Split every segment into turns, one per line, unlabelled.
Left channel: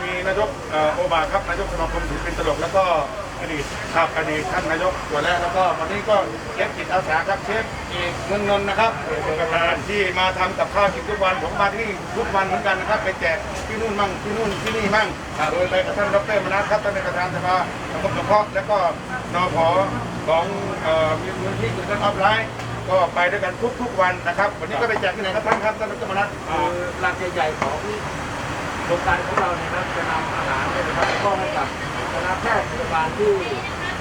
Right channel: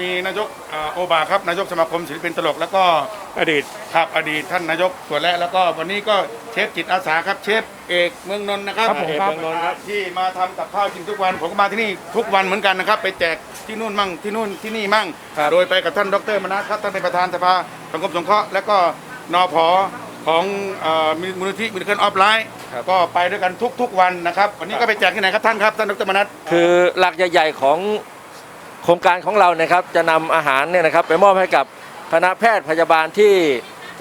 มีนายกเอ่อโอบาครับนายกสมาคมศิลปินตลก แล้วก็อดีตครับอดีตท่านนายกตัวแรกแล้วก็วันนี้ก็เชฟจิตอาสาครับเชฟเอกเมืองนนท์นะครับที่มาทำกับข้าวกินทุกวันผมก็มาที่นี่ทุกวันเหมือนกันนะครับ ไปแจกที่นู่นมั่งที่นู่นที่นี่มั่ง โดยไปกับท่านดรมนัสครับท่านเป็นประธานสภาสังคมสงเคราะห์แล้วก็นพของเอ่อมูลนิธิบริการออฟไลน์ก็ไปด้วยกันทุกๆวันนะครับ วันนี้ก็ไปแจกที่ไหนครับท่านครับท่านดรมนัส
คือหลักใหญ่ ๆ ของโครงการของเรานะครับจะนำอาหารเนี่ยนะครับไปมอบให้กับคณะแพทย์พยาบาลที่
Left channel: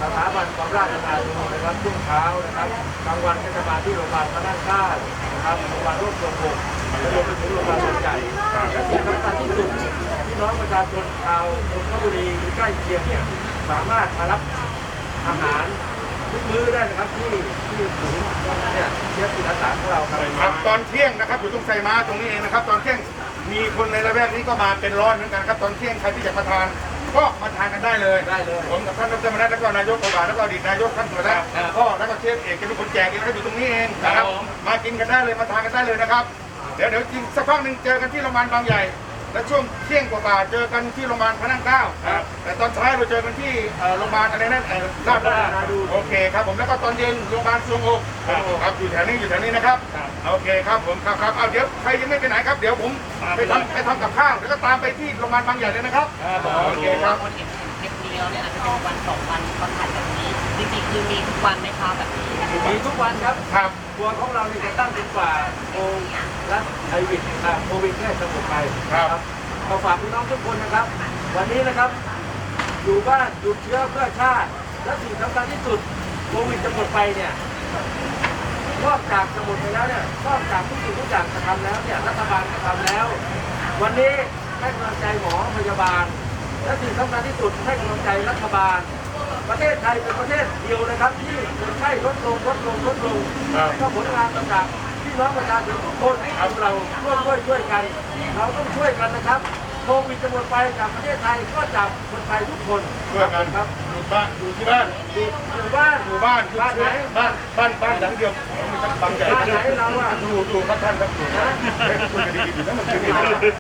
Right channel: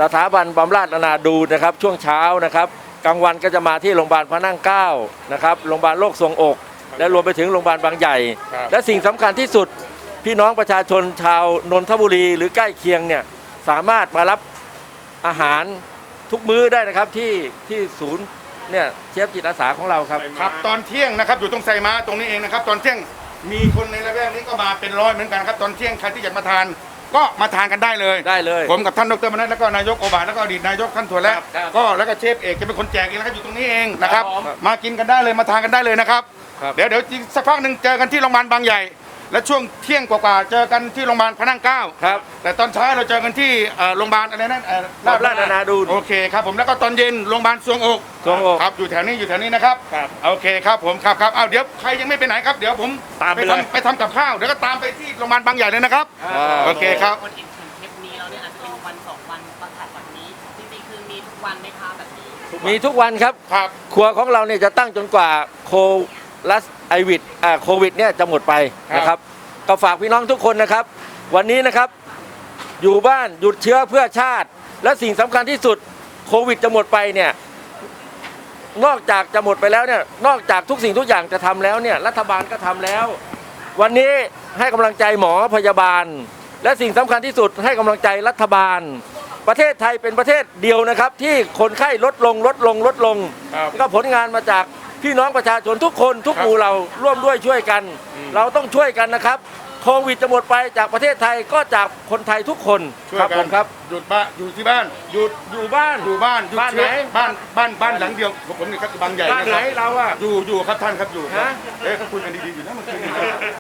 สถาบันบำราศนานาดูนะครับ ช่วงเช้านะครับกลางวันก็จะมาที่โรงพยาบาลพระนั่งเกล้านะครับโรงพยาบาลโรคทรวงอก และรวมไปถึงโรงพยาบาลบางใหญ่
ครับ
และสิ่งสำคัญที่สุดพี่น้องประชาชนชาวนนทบุรีหรือใกล้เคียงเนี่ยสามารถมารับอาหารทุกมื้อได้นะครับที่ที่ศูนย์เนี่ยเชฟจิตอาสาของเราครับ
ครับตอนเที่ยงนะครับอยู่ตรงไซม้าตรงนี้เองนะครับ ตอนเที่ยง มีคนในระแวกนี้ก็มาเป็นร้อยเหมือนกันครับตอนเที่ยงใครที่อยากมาทาน ก็มาทานกันได้เลย
ได้เลย
ผมกับท่านดรมนัสแล้วก็นายกโอบาแล้วก็อดีตนายกท่านถั่วแล้ว
ครับ
ก็แล้วก็เชฟเอกจะเป็นคนแจกเองนะครับอยู่ตรงนี้เองนะครับ
ครับผม
มากินกันได้เลยมาทานกันได้เลยนะครับ
ครับ
เดี๋ยวเดี๋ยวจริงสักพักหนึ่งเจอกันที่โรงพยาบาลบางใหญ่ และช่วงเที่ยงกว่าๆเจอกันที่โรงพยาบาลพระนั่งเกล้า
ครับ
แต่ตอนเช้าเราเจอกันที่เอ่อโรงพยาบาลอะไรนั่นเอ่อ
ราชนานาดูน
โอเคครับผมแล้วก็ตอนเย็นโรงพยาบาลสวงอก
สวงอก
ครับอยู่แถวนี้อยู่แถวนี้นะครับ
ครับ
โอเคครับผมครับครับเอาเดี๋ยวใครยังไม่ไปไหนครับเดี๋ยวผม
ตามไปเลย
ทำไปทำกับข้าวเดี๋ยวก็ตามไปที่โรงพยาบาลบางใหญ่เลยนะครับโอเคครับ
คนเห็นเทปเดียวเนี่ยอาจจะเป็นวันสองวันก็ทานแบบนี้ จริงๆคือมีทุกวันไหมคะแบบนี้
มีทุกวันครับ
ครับ
ครัวของเราเนี่ยจะตั้งจนกว่าโค ลัสไอวิดอ่าโควิดเนี่ยจะหมดไปนะครับก็ฝากพี่น้องทุกคนนะครับ วันนี้นะครับ อยู่บ้านหยุดเชื้อเพื่อชาติ และสิ่งสำคัญที่สุดโควิดจะหมดไปเนี่ยนอกจากจะหมดไปแล้วเนี่ยนอกจากทุกสิ่งทุกอย่างจะทำแล้วเนี่ยรัฐบาลก็ทำแล้ว วันนี้ให้กำลังใจหมอพยาบาล และสิ่งสำคัญที่สุดให้กำลังใจรัฐบาล ประเทศไทยเป็นประเทศเดียวนะครับ ที่คนไข้ลดลงลดลงลดลง
ครับ
ก็ผลงานมาจาก พี่น้องประชาชนทุกคนทุกหมู่เราร่วมด้วยช่วยกัน เราต้องช่วยกันนะครับโควิดจะหมดไปจากประเทศไทยก็จากคนไทยทุกคน
ช่วย
ผ
กัน
มครับ
หยุดบ้านอยู่ที่บ้าน
อยู่อยู่บ้าน
อยู่บ้านหยุด
บ้าน
เชื้อ
ไหน
บ้านบ้านบ้านหลังเดียวของผมนี่ครับบางใหญ่
บ้านไหนเราอะ
อยู่อยู่ครับท่านครับอยู่เฮ้ยคุยกันดีๆอยู่นะมันคุยดีๆ